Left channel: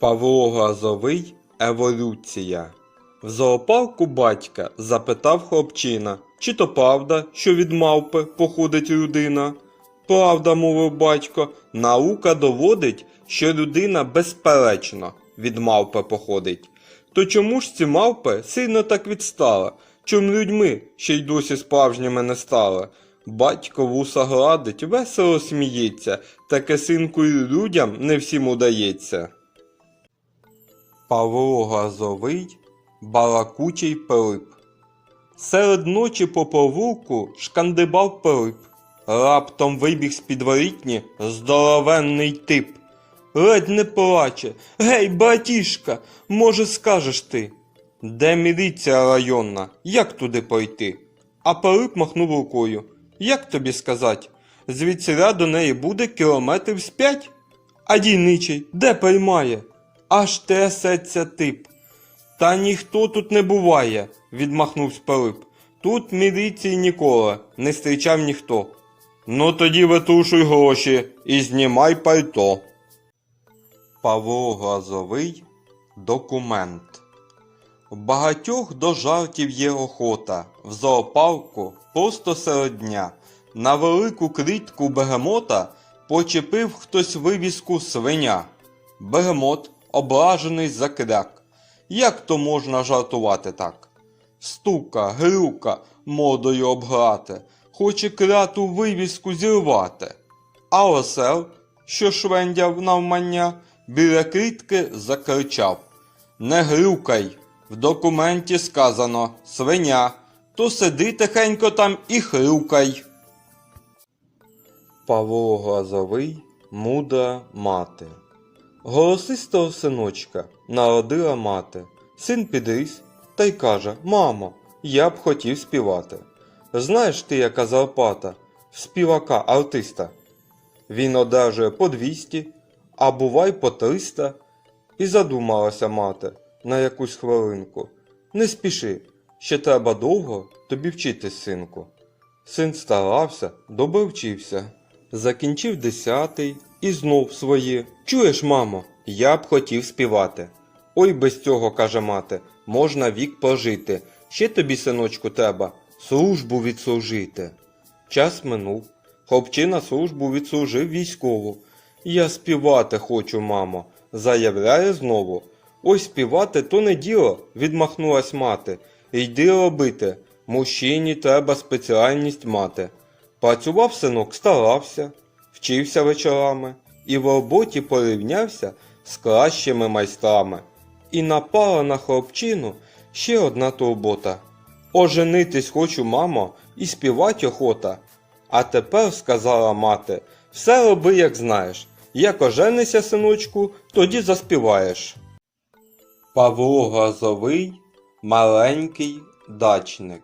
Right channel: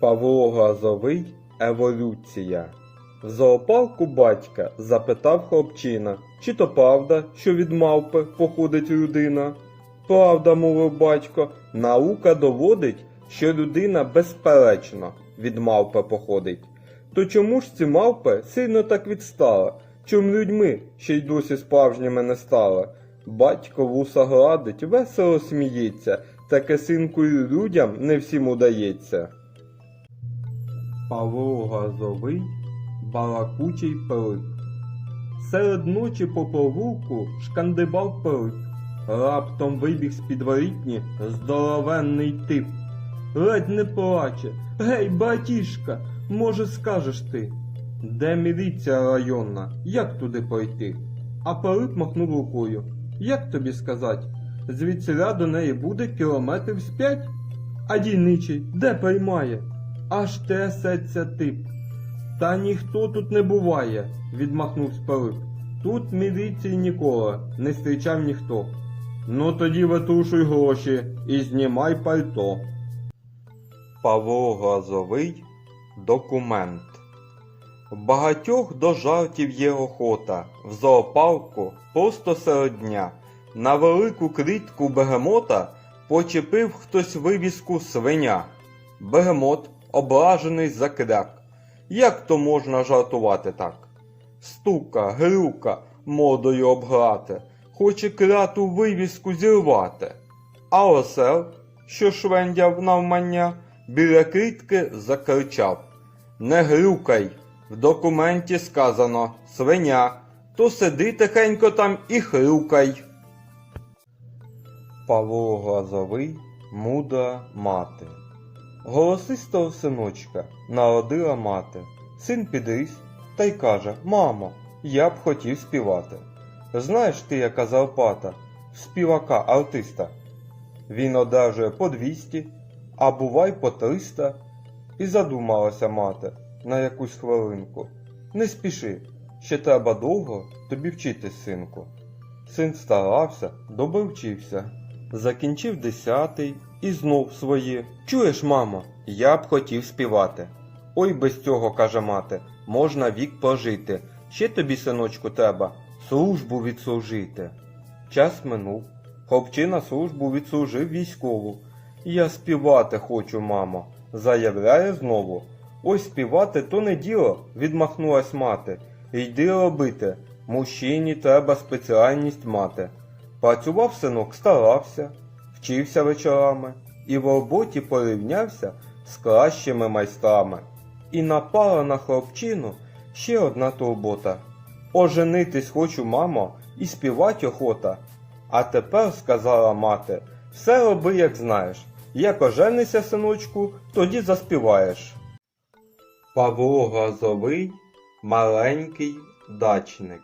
Павло Глазовий Еволюція. В зоопарку батька запитав хлопчина, чи то правда, що від мавпи походить людина. Правда, мовив батько, наука доводить, що людина безперечно від мавпи походить. То чому ж ці мавпи сильно так відстали? Чом людьми ще й досі справжніми не стали? Батько вуса гладить, весело сміється, таке синку й людям не всім удається. Павло Газовий, балакучий Пилип. Серед ночі по провулку шкандибав Пилип. Раптом вибіг з підворітні здоровенний тип. Ледь не плаче. Гей, братішка, може скажеш ти? Де міліція районна? Як туди пройти? А Пилип махнув рукою. Як тобі сказать? Звідсіля до неї буде кілометрів з п'ять? А дільничий де приймає? Аж трясеться тип. Та ніхто тут не буває, відмахнувся Пилип. Тут міліції ніколи не зустрічав ніхто. Ну тоді витрушуй гроші і знімай пальто. Павло Глазовий Документ. Багатьох до жартів є охота. В зоопарку просто серед дня. На велику клітку бегемота почепив хтось вивіску свиня. Бегемот, ображений закряк. Як то можна жартувати так? Стука, грюка, модою обграти, хоче кляту вивіску зірвати. А осел, що швендяв навмання, біля клітки закричав Не грюкай! В документі сказано свиня, то сиди тихенько там і хрюкай. Павло Глазовий, мудра мати. Голосистого синочка народила мати. Син підріс та й каже: Мамо, я б хотів співати. Знаєш ти, яка зарплата співака артиста? Він одержує по 200, а бувай по 300. І задумалася мати на якусь хвилинку. Не спіши, ще треба довго тобі вчитись, синку. Син старався, добре вчився. Закінчив десятий і знов своє. Чуєш, мамо, я б хотів співати. Ой, без цього, каже мати, можна вік прожити. Ще тобі, синочку, треба службу відслужити. Час минув. Хлопчина службу відслужив військову. Я співати хочу, мамо, заявляє знову. Ой, співати то не діло, відмахнулась мати. Йди робити. Мужчині треба спеціальність мати. Працював синок, старався, вчився вечорами і в роботі порівнявся з кращими майстрами. І напала на хлопчину ще одна турбота. Оженитись хочу, мамо, і співать охота. А тепер, сказала мати, все роби, як знаєш. Як оженися, синочку, тоді заспіваєш. Павло Грозовий маленький дачник.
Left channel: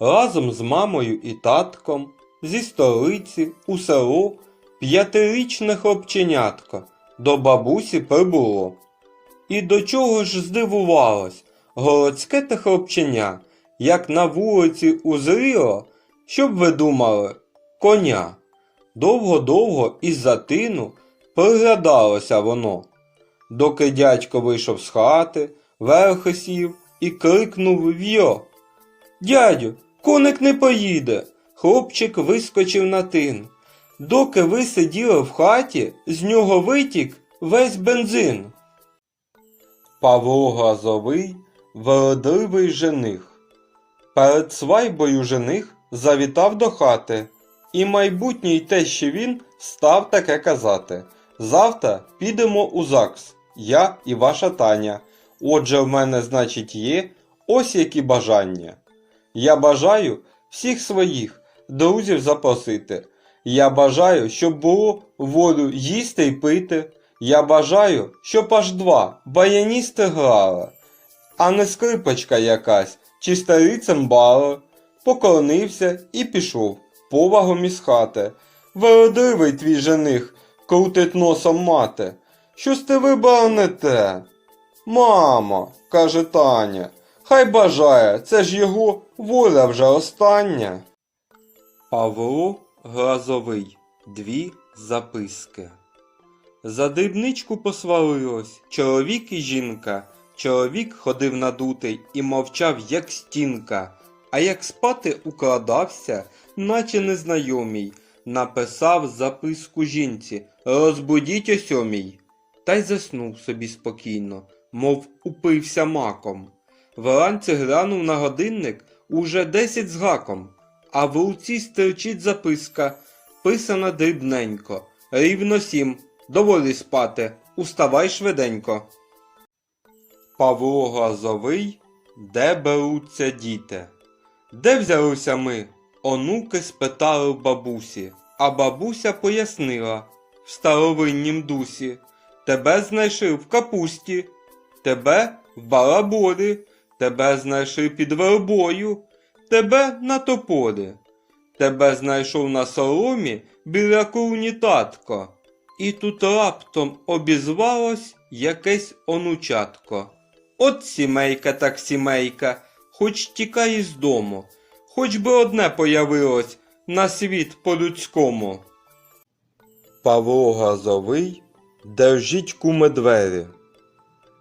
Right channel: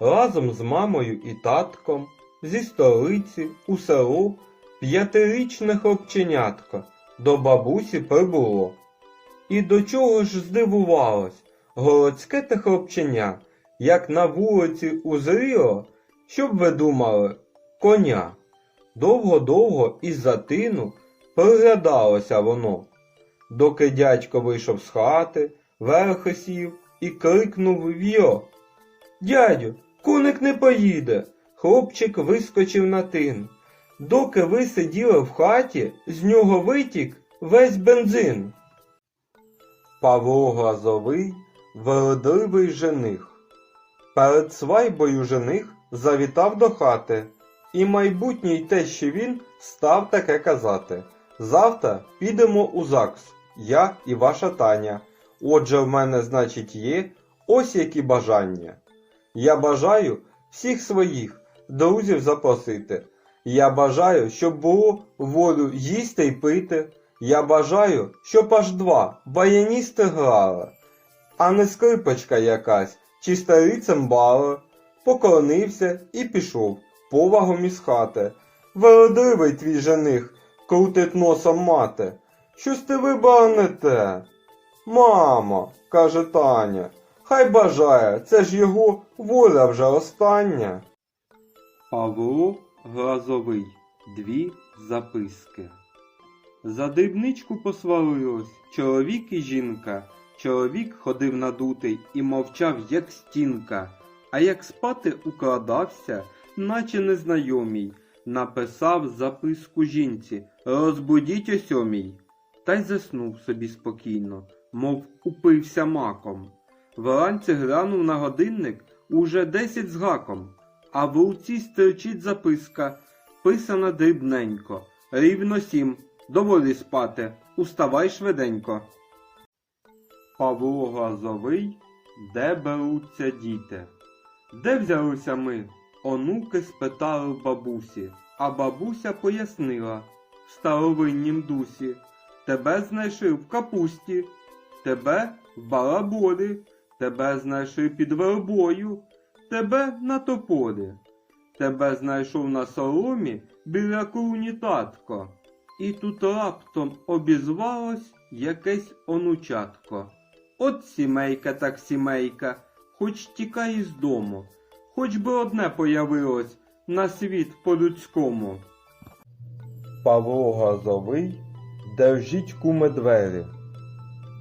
Разом з мамою і татком зі столиці у село п'ятирічне хлопченятко до бабусі прибуло. І до чого ж здивувалось городське те хлопченя, як на вулиці узріло, щоб ви думали, коня. Довго-довго із-за тину приглядалося воно, доки дядько вийшов з хати, верхи сів і крикнув в'йо. Дядю, коник не поїде. Хлопчик вискочив на тин. Доки ви сиділи в хаті, з нього витік весь бензин. Павло Глазовий вродливий жених. Перед свайбою жених завітав до хати, і майбутній тещі він став таке казати. Завтра підемо у ЗАГС, я і ваша Таня. Отже, в мене, значить, є ось які бажання. Я бажаю всіх своїх друзів запросити. Я бажаю, щоб було волю їсти й пити. Я бажаю, щоб аж два баяністи грали, а не скрипочка якась чи старий цимбали. Поклонився і пішов повагом із хати. Вродливий твій жених крутить носом мати. Щось ти вибрав не те. Мамо, каже Таня, хай бажає, це ж його воля вже остання. Павло Грозовий. Дві записки. За дрібничку посварилось чоловік і жінка. Чоловік ходив надутий і мовчав, як стінка, а як спати укладався, наче незнайомій, написав записку жінці Розбудіть о сьомій. Та й заснув собі спокійно, мов упився маком. Вранці глянув на годинник уже десять з гаком, а в руці стерчить записка, писана дрібненько. Рівно сім. Доволі спати, уставай швиденько. Павло Глазовий, де беруться діти? Де взялися ми? Онуки спитали бабусі, а бабуся пояснила в старовиннім дусі. Тебе знайшли в капусті, тебе в балаболі, тебе знайшли під вербою, тебе на тополі. Тебе знайшов на соломі біля курні татко. І тут раптом обізвалось якесь онучатко. От сімейка так сімейка, хоч тікай із дому, хоч би одне появилось на світ по-людському. Павло Газовий, держіть куме двері.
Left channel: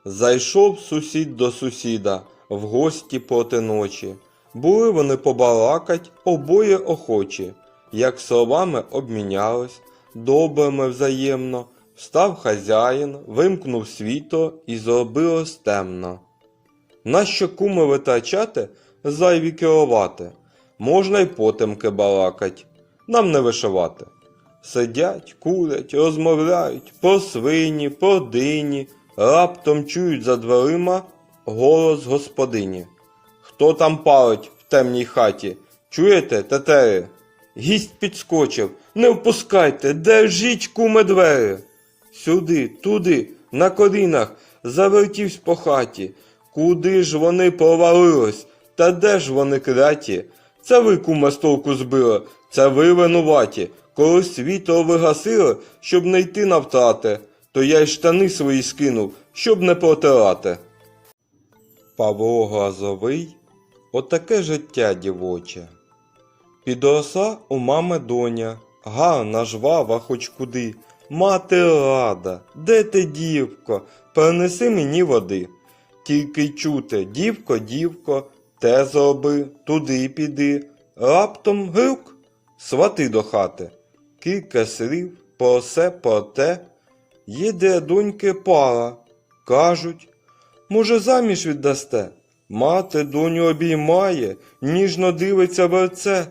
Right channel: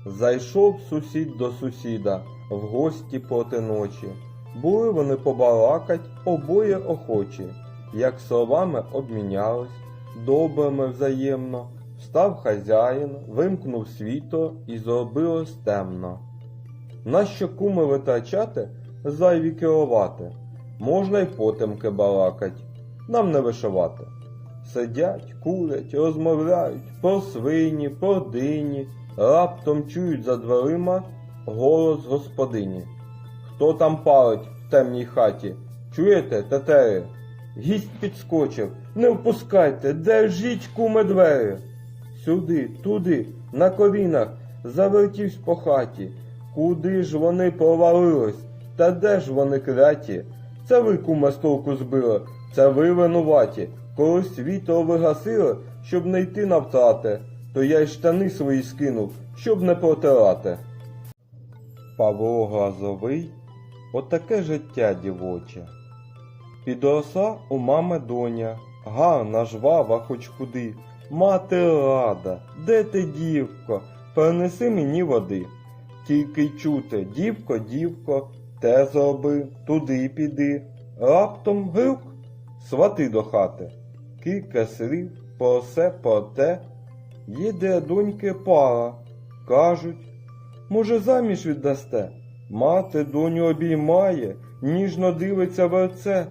Зайшов сусід до сусіда в гості проти ночі. Були вони побалакать обоє охочі, як словами обмінялись, добрими взаємно. Встав хазяїн, вимкнув світло і зробилось темно. Нащо куми витрачати, зайві керувати? Можна й потемки балакать, нам не вишивати. Сидять, курять, розмовляють про свині, про дині, раптом чують за дверима голос господині. Хто там палить в темній хаті? Чуєте, тетери? Гість підскочив. Не впускайте, держіть куме двері. Сюди, туди, на колінах, завертівсь по хаті. Куди ж вони провалились? Та де ж вони кляті? Це ви кума з збили, це ви винуваті. Коли світло вигасили, щоб не йти на втрати, то я й штани свої скинув, щоб не протирати. Павло Глазовий Отаке життя дівоче. Підросла у мами доня, гарна, жвава хоч куди. Мати рада, де ти, дівко, принеси мені води. Тільки чути, дівко, дівко, те зроби, туди піди. Раптом грюк, свати до хати. Кілька слів про все, про те. Їде доньки пара. Кажуть, може, заміж віддасте? Мати доню обіймає, ніжно дивиться в оце.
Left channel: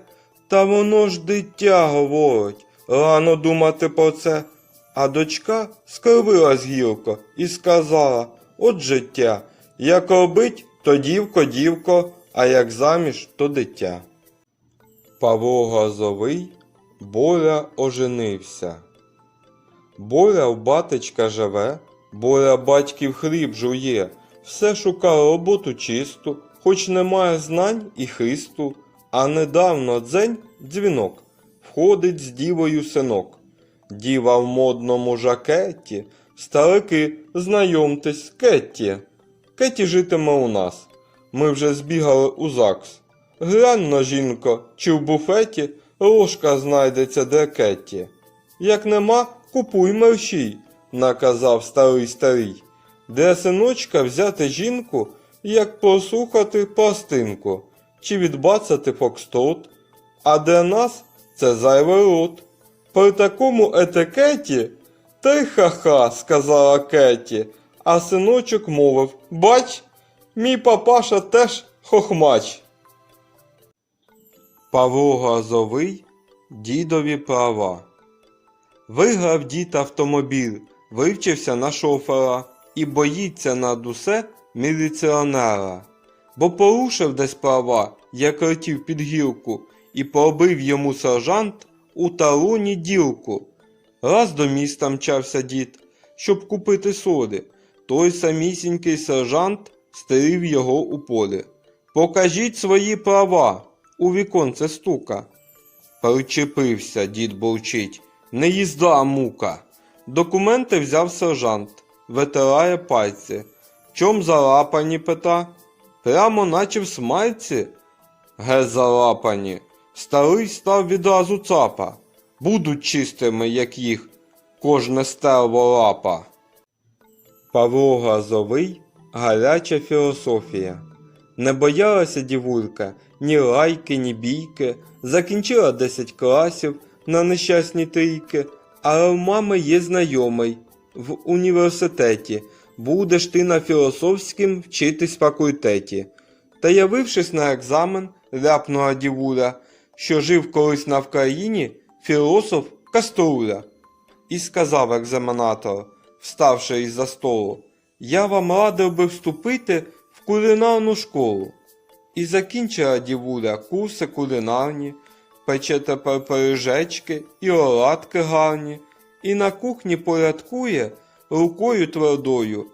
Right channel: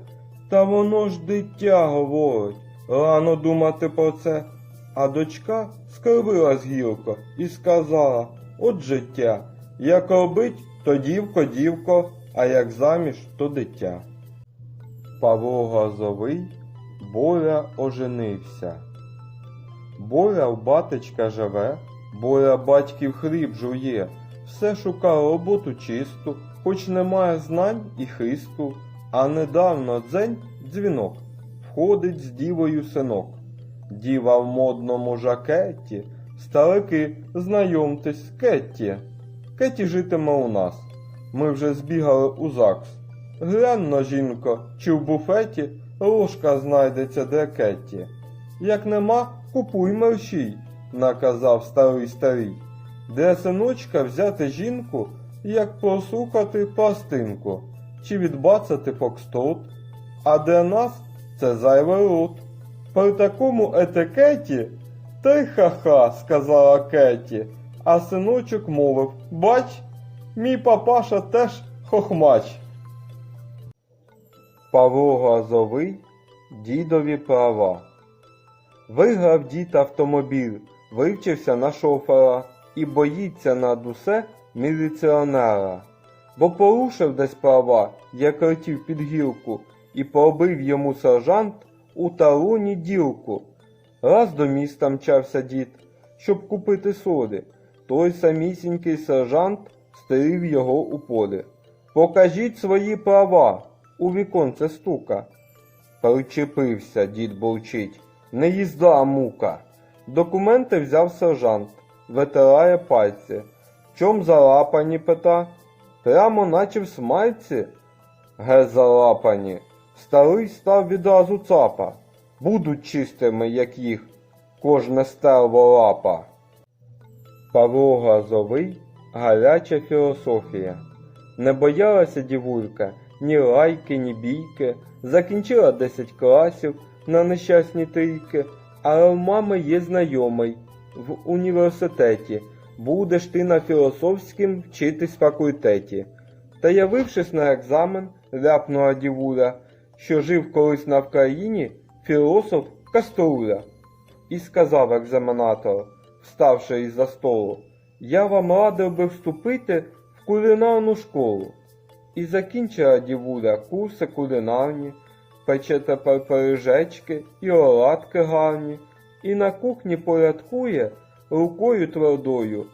Та воно ж дитя говорить, рано думати про це. А дочка скривилась гілко і сказала: От життя, як робить, то дівко, дівко, а як заміж, то дитя. Павло Газовий Боря оженився. Боря в батечка живе, Боря батьків хліб жує, все шукає роботу чисту, хоч немає знань і хисту, а недавно дзень дзвінок, входить з дівою синок. Діва в модному жакеті, старики, знайомтесь, Кетті. Кетті житиме у нас. Ми вже збігали у ЗАГС. Глянь на жінко, чи в буфеті ложка знайдеться для Кетті. Як нема, купуй мерщій, наказав старий старий. Для синочка взяти жінку, як послухати пластинку, чи відбацати фокстрот, а для нас це зайвий рот. При такому етикеті й ха-ха, сказала Кетті, а синочок мовив Бач, мій папаша теж хохмач. Павло Газовий Дідові права. Виграв дід автомобіль, вивчився на шофера і боїться над усе міліціонера. Бо порушив десь права, як летів під гілку, і пробив йому сержант у талоні ділку. Раз до міста мчався дід, щоб купити соди. Той самісінький сержант стерів його у полі. Покажіть свої права, у віконце стука. Причепився, дід бурчить, не їзда, мука. Документи взяв сержант, витирає пальці. Чом залапані пита? Прямо наче в смальці. Ге залапані. Старий став відразу цапа. Будуть чистими, як їх. кожне стерво лапа. Павло Газовий гаряча філософія. Не боялася дівулька ні лайки, ні бійки, закінчила 10 класів на нещасні трійки, але в мами є знайомий в університеті. Будеш ти на філософськім вчитись факультеті. Та явившись на екзамен, ляпнула дівуля, що жив колись на Вкраїні філософ Каструля. І сказав екзаменатор, вставши із-за столу, я вам радив би вступити в кулінарну школу. І закінчила дівуля курси кулінарні, пече тепер пиріжечки і оладки гарні, і на кухні порядкує рукою твердою,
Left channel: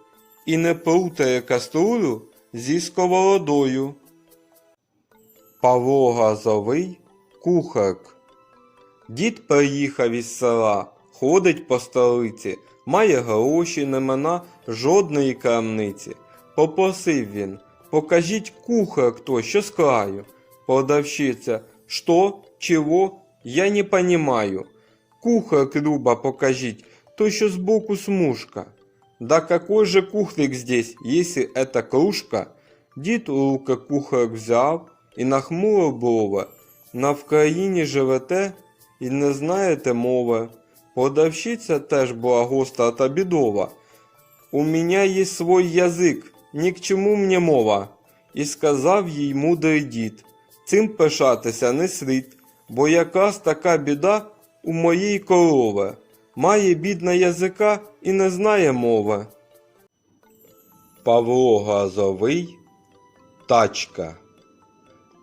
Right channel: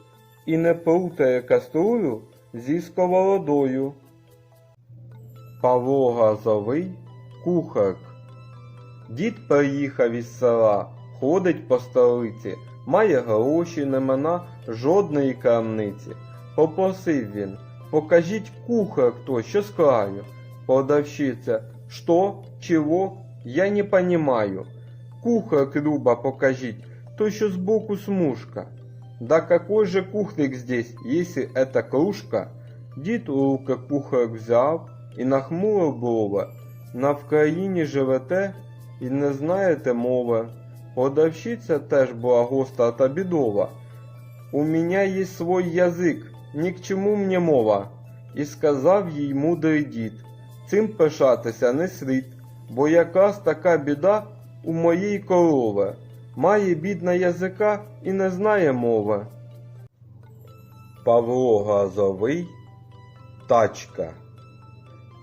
і не плутає каструлю зі сковородою. Павло Газовий кухарк. Дід приїхав із села, ходить по столиці, має гроші, немена жодної крамниці. Попросив він, покажіть кухар хто, що з краю. Продавщиця, что, чего, я не понимаю. Кухар Люба покажіть, то що сбоку смужка. Да какой же кухрик здесь, если это кружка? Дід у руки кухар взяв і нахмурив брови. На Вкраїні живете і не знаєте мови. Продавщиця теж була гостра та бідова. У меня есть свой язик, ні к чому мені мова. І сказав їй мудрий дід, цим пишатися не слід, бо якраз така біда у моєї корови. Має бідна язика і не знає мови. Павло Газовий Тачка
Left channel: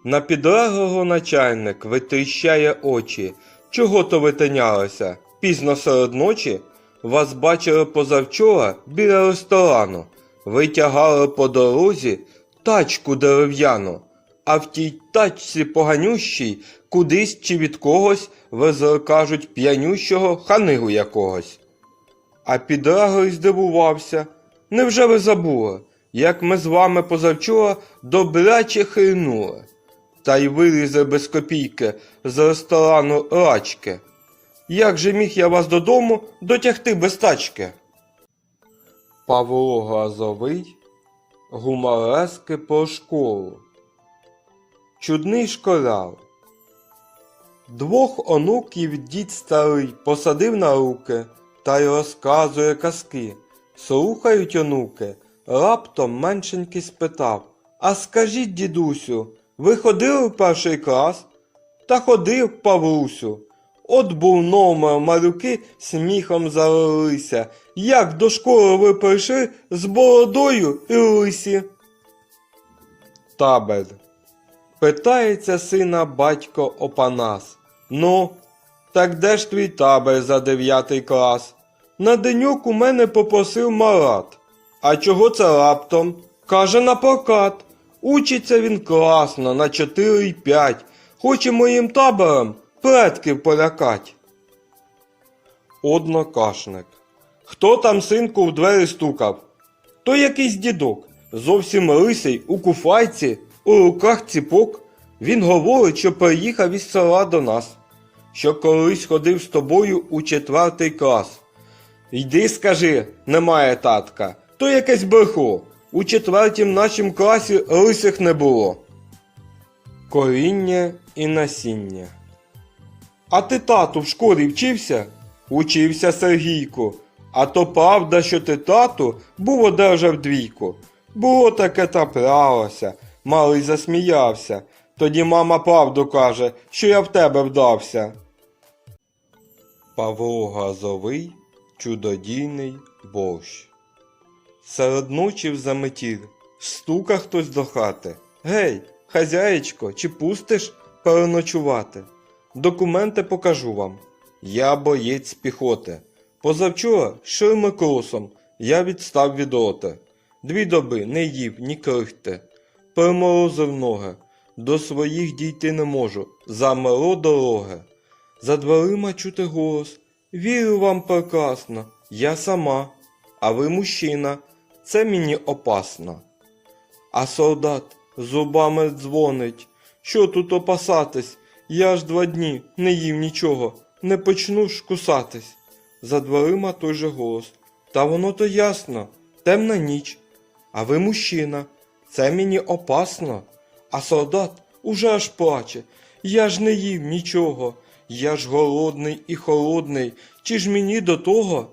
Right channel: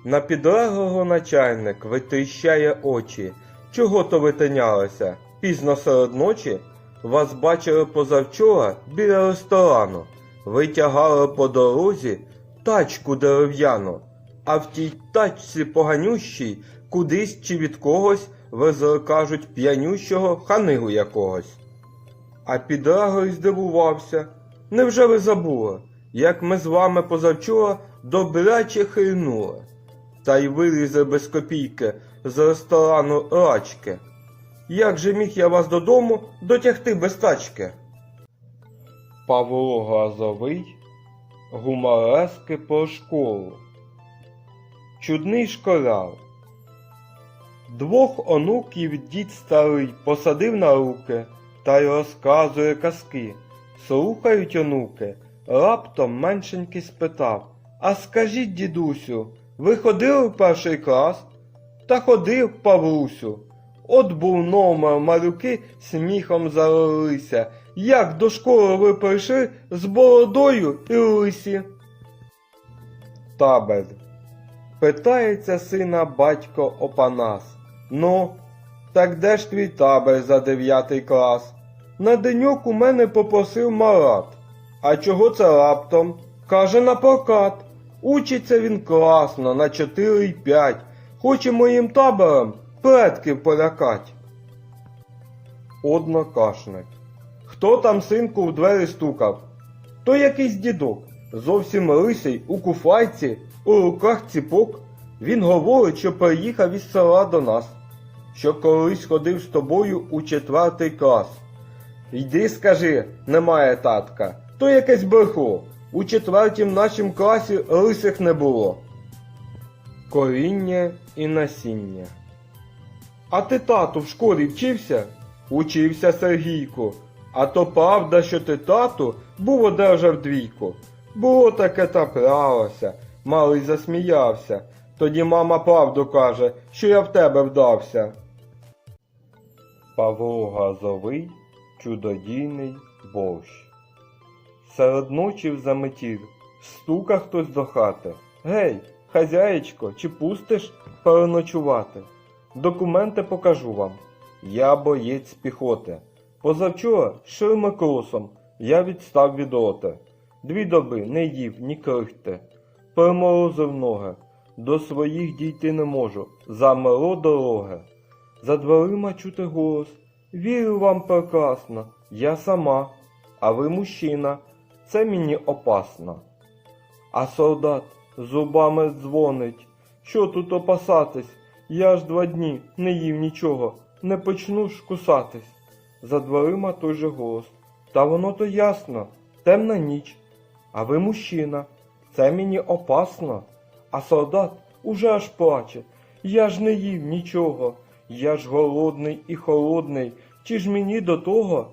На підлеглого начальник витріщає очі. Чого то ви тинялися? Пізно серед ночі? Вас бачили позавчора біля ресторану. Ви тягали по дорозі тачку дерев'яну, а в тій тачці поганющій кудись чи від когось везли, кажуть, п'янющого ханигу якогось. А підлеглий здивувався. Невже ви забули, як ми з вами позавчора добряче хильнули? Та й вилізе без копійки з ресторану рачки. Як же міг я вас додому дотягти без тачки? Павло Газовий Гуморески про школу. Чудний школяр. Двох онуків дід старий посадив на руки та й розказує казки. Слухають онуки. Раптом меншенький спитав А скажіть, дідусю, ви ходили в перший клас? Та ходив, Павлусю. От був номер малюки сміхом залилися. Як до школи ви прийшли з бородою і лисі? Табель. Питається сина батько Опанас. Ну, так де ж твій табель за дев'ятий клас? На денюк у мене попросив Марат. А чого це раптом? Каже на прокат. Учиться він класно, на 4 й 5. Хоче моїм табором предків полякать. Однокашник. Хто там синку в двері стукав? То якийсь дідок, зовсім лисий, у куфайці, у руках ціпок. Він говорить, що приїхав із села до нас, що колись ходив з тобою у четвертий клас. Йди, скажи, немає татка, то якесь брехло. У четвертім нашім класі лисих не було. Коріння і насіння. А ти тату в школі вчився? Учився Сергійко. А то правда, що ти тату був одержав двійку. Було таке траплялося. Малий засміявся. Тоді мама правду каже, що я в тебе вдався. Павло Газовий чудодійний борщ. Серед ночі в заметіль стука хтось до хати. Гей, хазяєчко, чи пустиш переночувати? Документи покажу вам. Я боєць піхоти. Позавчора ширми кросом я відстав від роти. Дві доби не їв ні крихти. Приморозив ноги. До своїх дійти не можу. Замело дороги. За дверима чути голос. Вірю вам прекрасно. Я сама. А ви мужчина. Це мені опасно. А солдат зубами дзвонить. Що тут опасатись? Я ж два дні не їв нічого, не почну ж кусатись. за дверима той же голос. Та воно то ясно, темна ніч. А ви мужчина, це мені опасно. А солдат уже аж плаче. Я ж не їв нічого. Я ж голодний і холодний. Чи ж мені до того?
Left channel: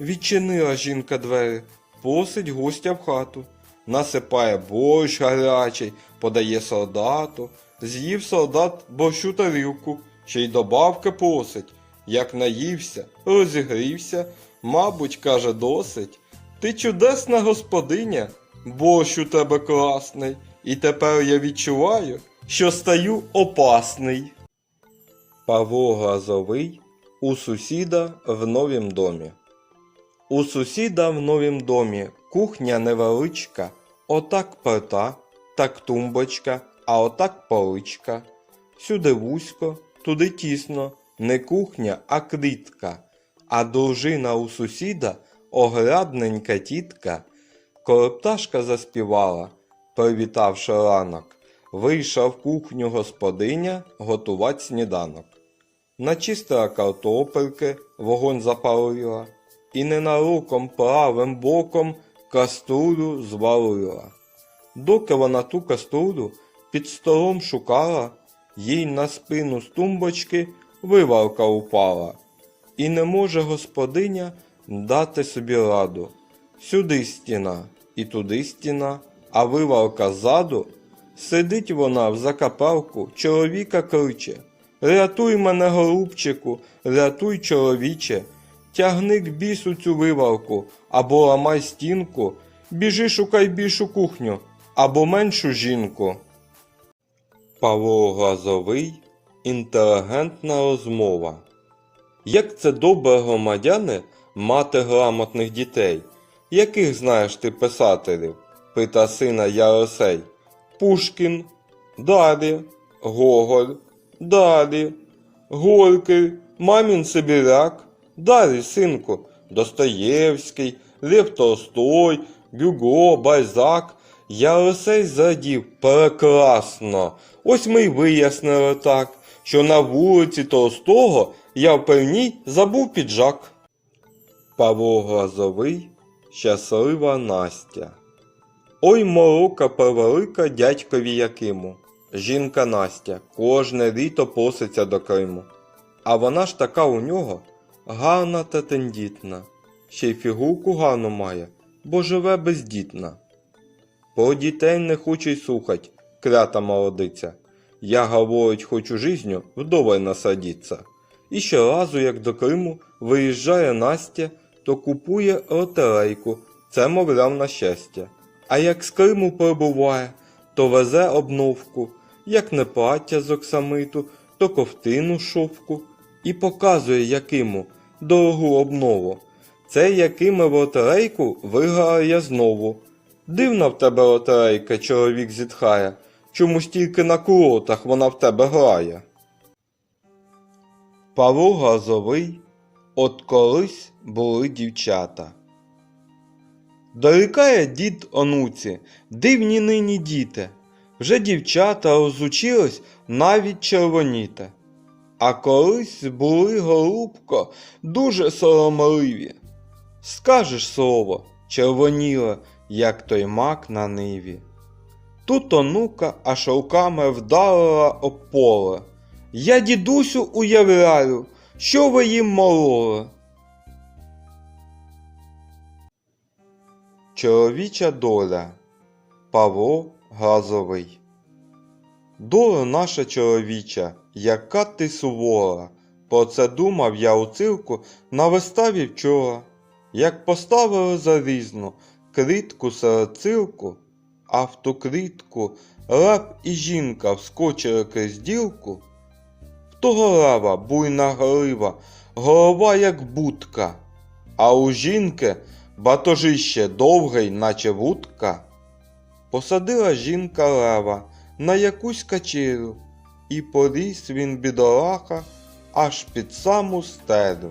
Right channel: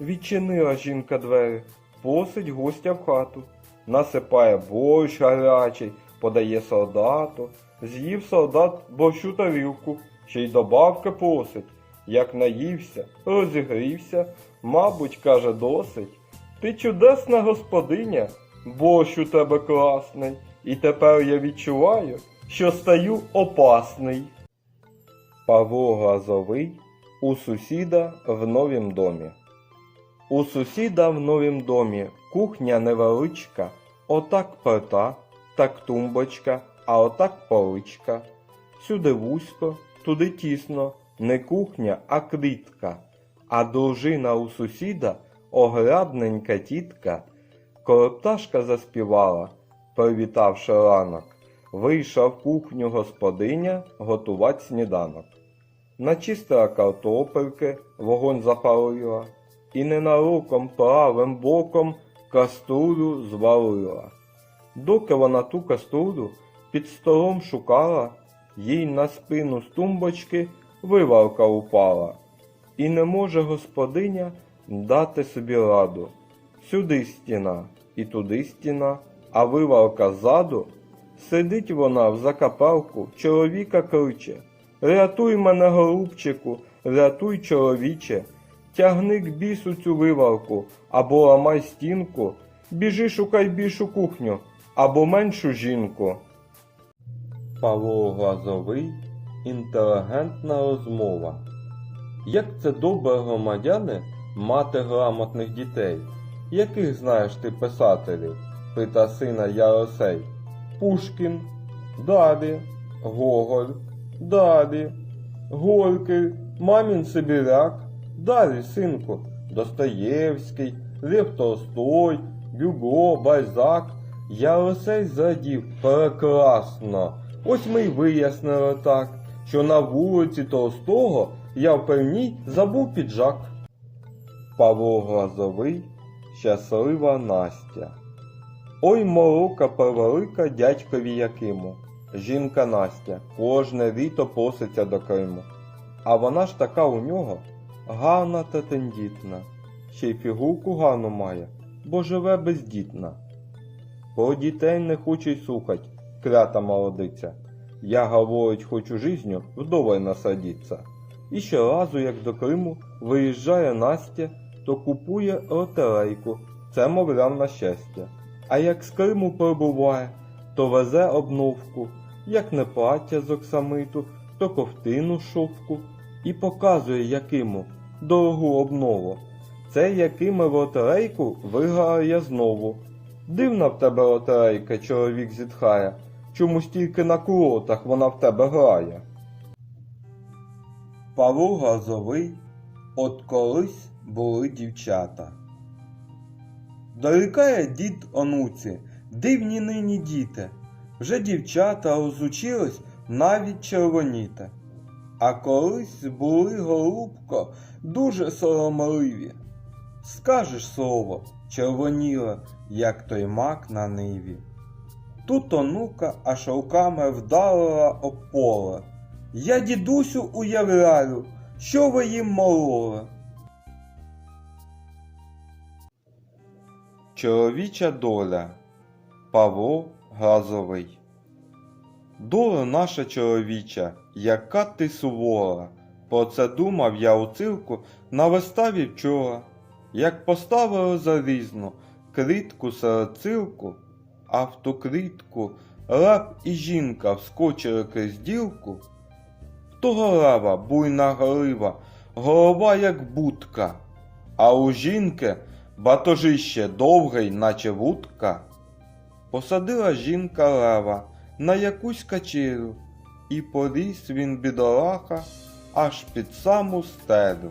Відчинила жінка двері, просить гостя в хату, насипає борщ гарячий, подає солдату, з'їв солдат борщу тарілку, ще й добавки просить. Як наївся, розігрівся, мабуть, каже, досить. Ти чудесна господиня, борщ у тебе класний, і тепер я відчуваю, що стаю опасний. Павло Глазовий у сусіда в новім домі. У сусіда в новім домі кухня невеличка, отак плита, так тумбочка, а отак поличка. Сюди вузько, туди тісно, не кухня, а клітка. А дружина у сусіда огрядненька тітка. Коли пташка заспівала, привітавши ранок, вийшла в кухню господиня готувати сніданок. Начистила картопельки, вогонь запалила, і ненароком правим боком каструлю звалила. Доки вона ту каструлю під столом шукала, їй на спину з тумбочки вивалка упала. І не може господиня дати собі раду. Сюди стіна і туди стіна, а вивалка ззаду. Сидить вона в закапелку, чоловіка кличе. Рятуй мене, голубчику, рятуй, чоловіче. Тягни к бісу цю вивалку, або ламай стінку, біжи шукай більшу кухню, або меншу жінку. Павло Глазовий інтелігентна розмова. Як це добре громадяни мати грамотних дітей? Яких знаєш ти писателів? пита сина Яросей. Пушкін, далі, Гоголь, далі, Горький, Мамін Сибіряк, далі, синку, Достоєвський, Лев Толстой, Гюго, Бальзак. Яросей зрадів прекрасно. Ось ми й вияснили так, що на вулиці Толстого я в певній забув піджак. Павло Глазовий, щаслива Настя. Ой морока превелика дядькові Якиму. Жінка Настя кожне літо проситься до Криму. А вона ж така у нього гарна та тендітна, ще й фігурку гарну має, бо живе бездітна. Про дітей не хоче й слухать, крята молодиця. Я, говорить, хочу жизню вдоволь насадіться. І щоразу, як до Криму виїжджає Настя, то купує лотерейку, це, мовляв, на щастя. А як з Криму прибуває, то везе обновку, як не плаття з оксамиту, то ковтину шовку, і показує Якиму дорогу обнову. Це Якиме в лотерейку виграла я знову. Дивна в тебе лотерейка, чоловік зітхає, чомусь тільки на курортах вона в тебе грає. Павло Газовий, от колись були дівчата. Дорікає дід онуці, дивні нині діти. Вже дівчата розучились навіть червоніти. А колись були, голубко, дуже соромливі. Скажеш слово, червоніле, як той мак на ниві. Тут онука аж руками вдарила об поле. Я, дідусю, уявляю, що ви їм мололи. Чоловіча доля Павло Газовий Доля наша чоловіча, яка ти сувора. Про це думав я у цирку на виставі вчора. Як поставили залізну клітку серед цирку, а в ту клітку раб і жінка вскочили крізь ділку, в того раба буйна грива, голова як будка, а у жінки батожище довгий, наче вудка. Посадила жінка лева на якусь качеру, і поріс він бідолаха аж під саму стелю.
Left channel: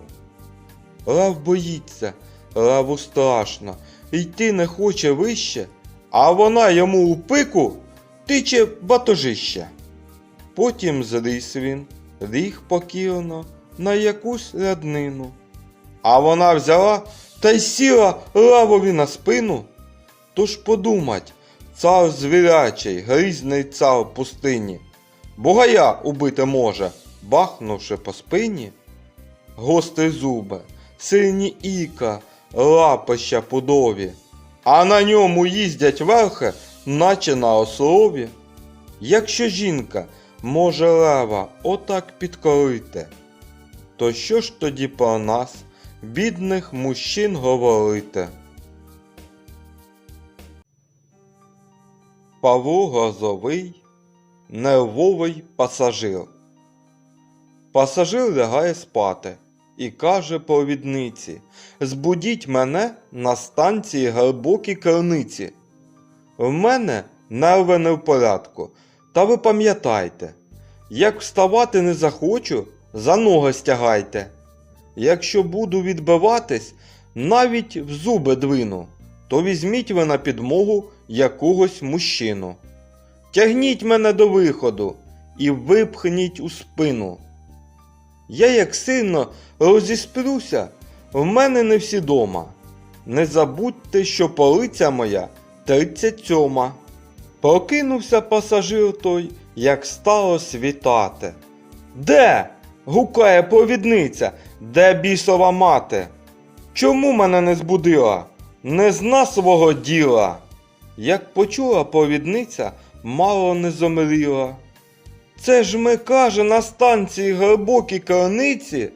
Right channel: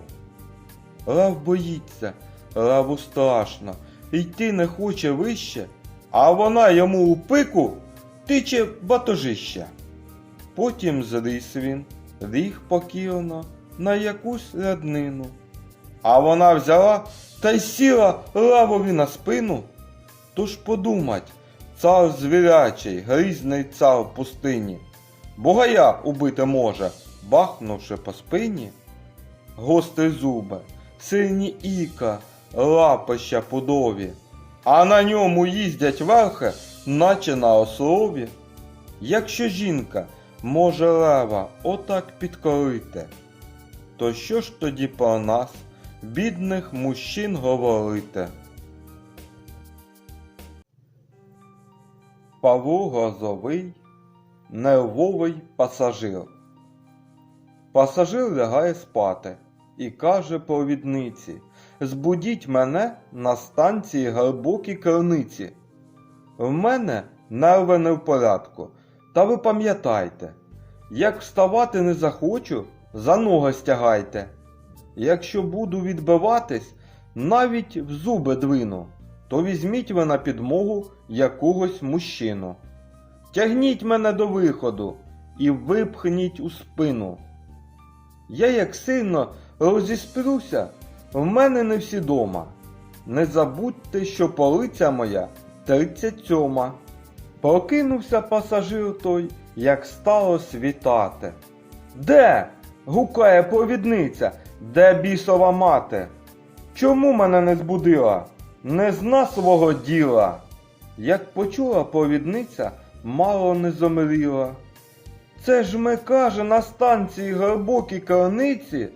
Лев боїться, леву страшно, йти не хоче вище, а вона йому у пику тиче батожище. Потім зріс він, ліг покірно на якусь ряднину, А вона взяла та й сіла левові на спину. Тож подумать, цар звірячий, грізний цар пустині, Бугая убити може, бахнувши по спині. Гострі зуби, сильні іка, лапища пудові, а на ньому їздять верхи, наче на ослові. Якщо жінка може лева отак підкорити, то що ж тоді про нас, бідних мужчин, говорити? Павло Грозовий, нервовий пасажир. Пасажир лягає спати і каже провідниці Збудіть мене на станції глибокі криниці. В мене нерви не в порядку, та ви пам'ятайте, як вставати не захочу, за ноги стягайте. Якщо буду відбиватись, навіть в зуби двину, то візьміть ви на підмогу якогось мужчину. Тягніть мене до виходу і випхніть у спину. Я як сильно розісплюся, в мене не всі дома. Не забудьте, що полиця моя 37. Прокинувся пасажир той, як стало світати. Де? гукає провідниця, де бісова мати? Чому мене не збудила? Не зна свого діла. Як почула провідниця, мало не зомріла. Це ж ми, каже, на станції глибокі криниці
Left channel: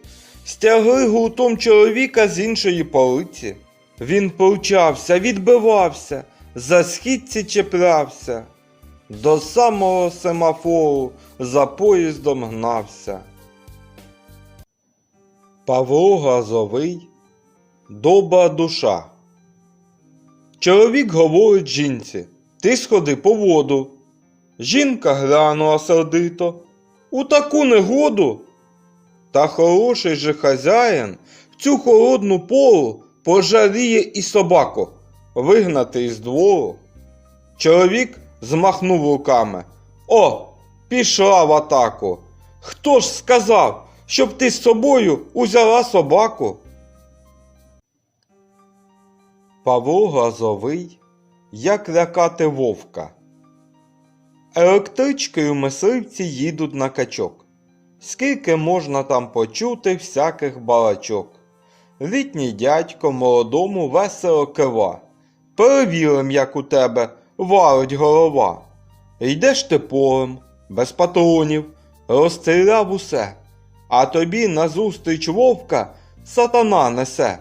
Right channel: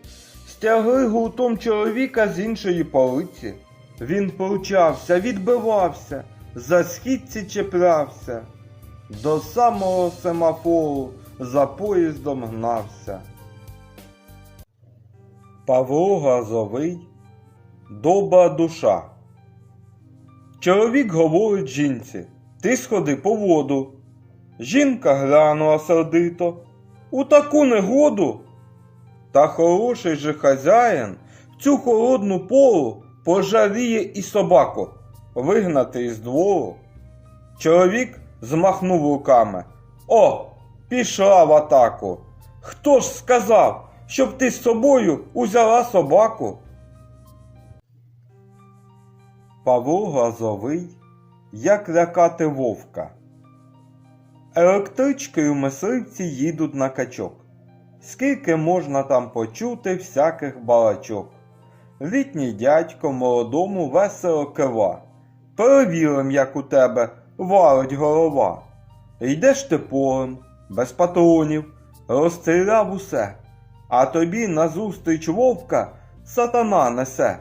стягли гуртом чоловіка з іншої полиці. Він повчався, відбивався, за східці чіплявся, до самого семафору за поїздом гнався. Павло Газовий Добра душа. Чоловік говорить жінці, ти сходи по воду. Жінка глянула сердито. У таку негоду. Та хороший же хазяїн в цю холодну пору пожаліє і собаку вигнати із двору. Чоловік змахнув руками. О, пішла в атаку. Хто ж сказав, щоб ти з собою узяла собаку? Павло Газовий Як лякати вовка. Електричкою мисливці їдуть на качок. Скільки можна там почути всяких балачок. Літній дядько молодому весело кива. Перевірим, як у тебе варить голова. Йдеш ти полем, без патронів, розстріляв усе, а тобі назустріч вовка сатана несе.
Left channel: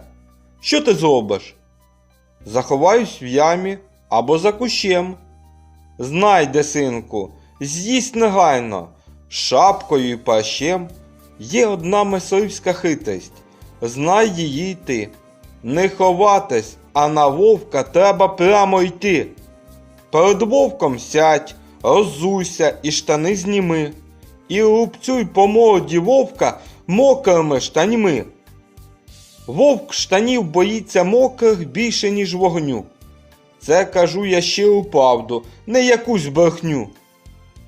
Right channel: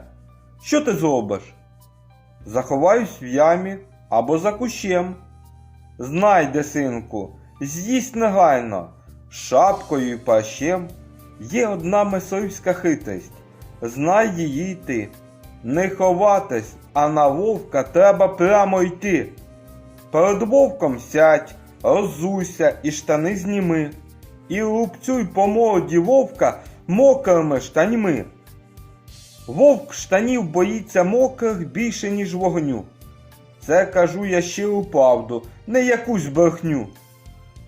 Що ти зробиш? Заховаюсь в ямі або за кущем. Знайде, синку, з'їсть негайно, шапкою і пащем. Є одна мисливська хитрість, знай її й ти. Не ховатись, а на вовка треба прямо йти. Перед вовком сядь, роззуйся і штани зніми, і рубцюй по морді вовка мокрими штаньми. Вовк штанів боїться мокрих більше, ніж вогню. Це кажу я щиру правду, не якусь брехню.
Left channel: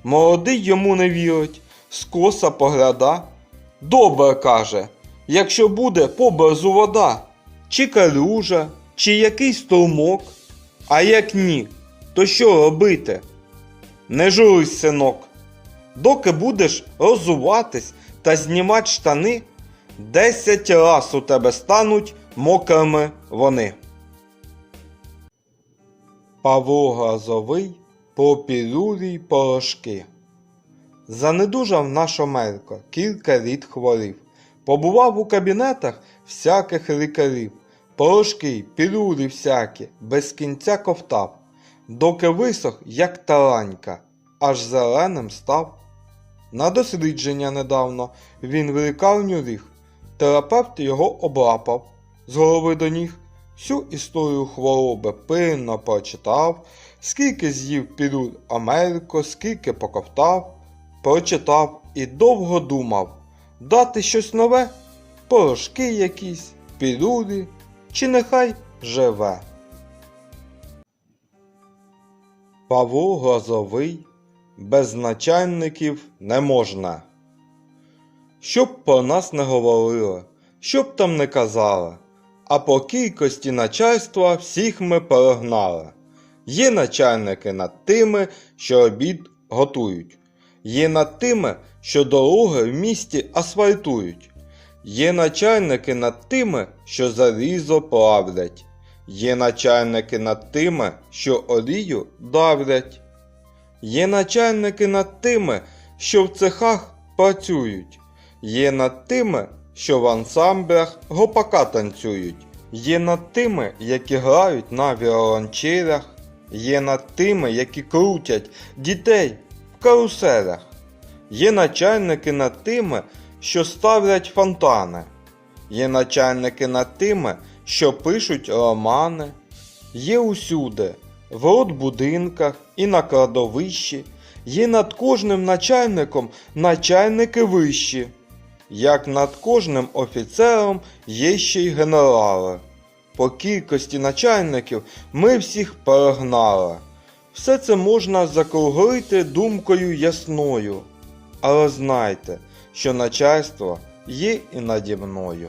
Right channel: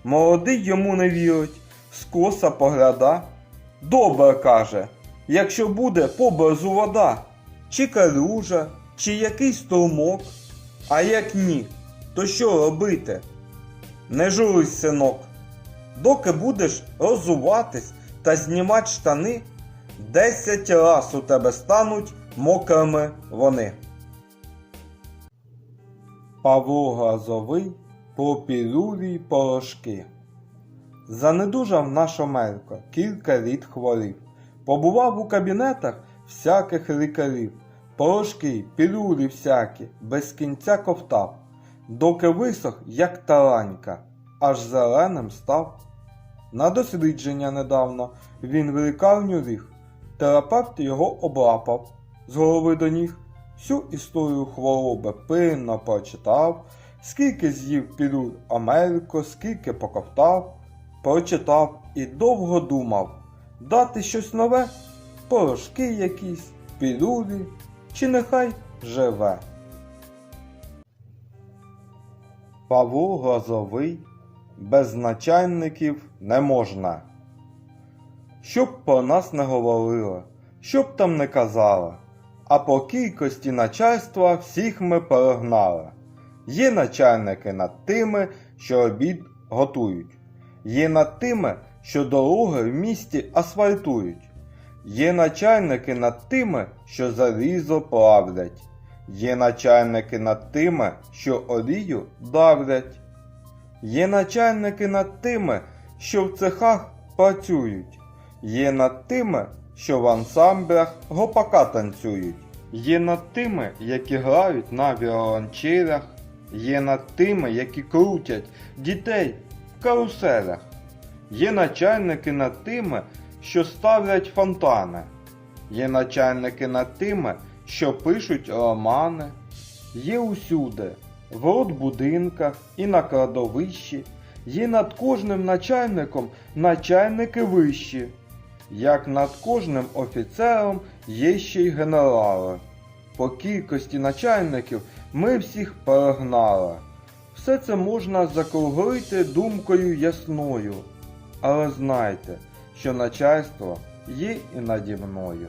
Молодий йому не вірить, скоса погляда. Добре каже, якщо буде поблизу вода, чи калюжа, чи якийсь струмок. А як ні, то що робити? Не журись, синок. Доки будеш розуватись та знімати штани, десять раз у тебе стануть мокрими вони. Павло Газовий про пілюлі порошки. Занедужав наш Омелько, кілька літ хворів. Побував у кабінетах всяких лікарів. Порошки, пілюлі всякі, без кінця ковтав, доки висох, як таранька, аж зеленим став. На дослідження недавно він в лікарню. Терапевт його облапав з голови до ніг. Всю історію хвороби пильно прочитав, скільки з'їв пілюль Америко, скільки поковтав, прочитав і довго думав, дати щось нове, порошки якісь, пілюлі, чи нехай живе. Павло Грозовий без начальників не можна. Щоб про нас не говорили, що б там не казала, а по кількості начальства всіх ми перегнали. Є начальники над тими, що обід готують, є над тими, що дороги в місті асфальтують, є начальники над тими, що залізо плавлять, є начальники над тими, що олію давлять, є начальники над тими, що в цехах працюють, є над тими, що в ансамблях гопака танцюють, є над тими, які грають на віолончелях, є над тими, які крутять дітей в каруселях, є начальники над тими, що ставлять фонтани, є начальники над тими, що пишуть романи, є усюди, в родбудинках і на кладовищі, є над кожним начальником начальники вищі. Як над кожним офіцером є ще й генерали. По кількості начальників ми всіх перегнали. Все це можна закруглити думкою ясною. Але знайте, що начальство є і наді мною.